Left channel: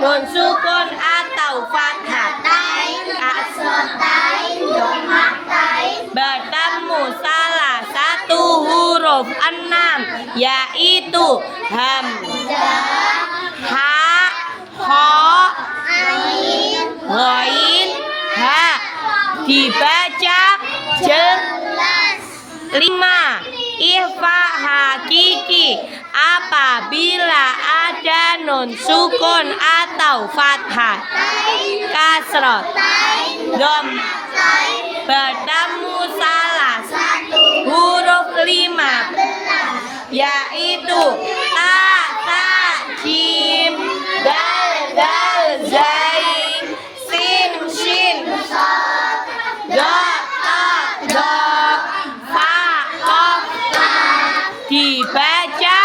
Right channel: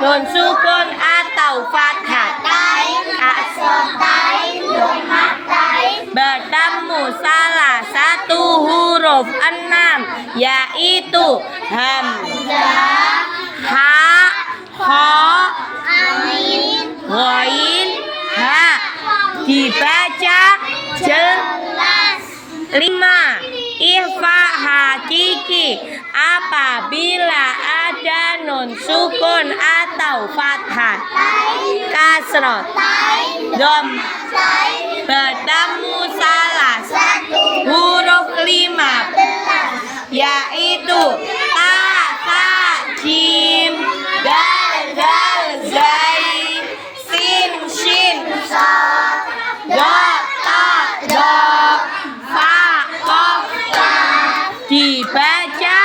nun sukun atau fathah. Bertemu salah satu huruf 6 yaitu hamzah, ha, kha, ghain, ha. Dibaca jelas. 5. Ikhfa hakiki apabila ada nun sukun atau fathah, kasroh, dom, bertemu salah satu huruf 15 yaitu ta, ta, jim, dal, dal, zai, sin, shin, shad, do, ta, do, fa, qaf, dibaca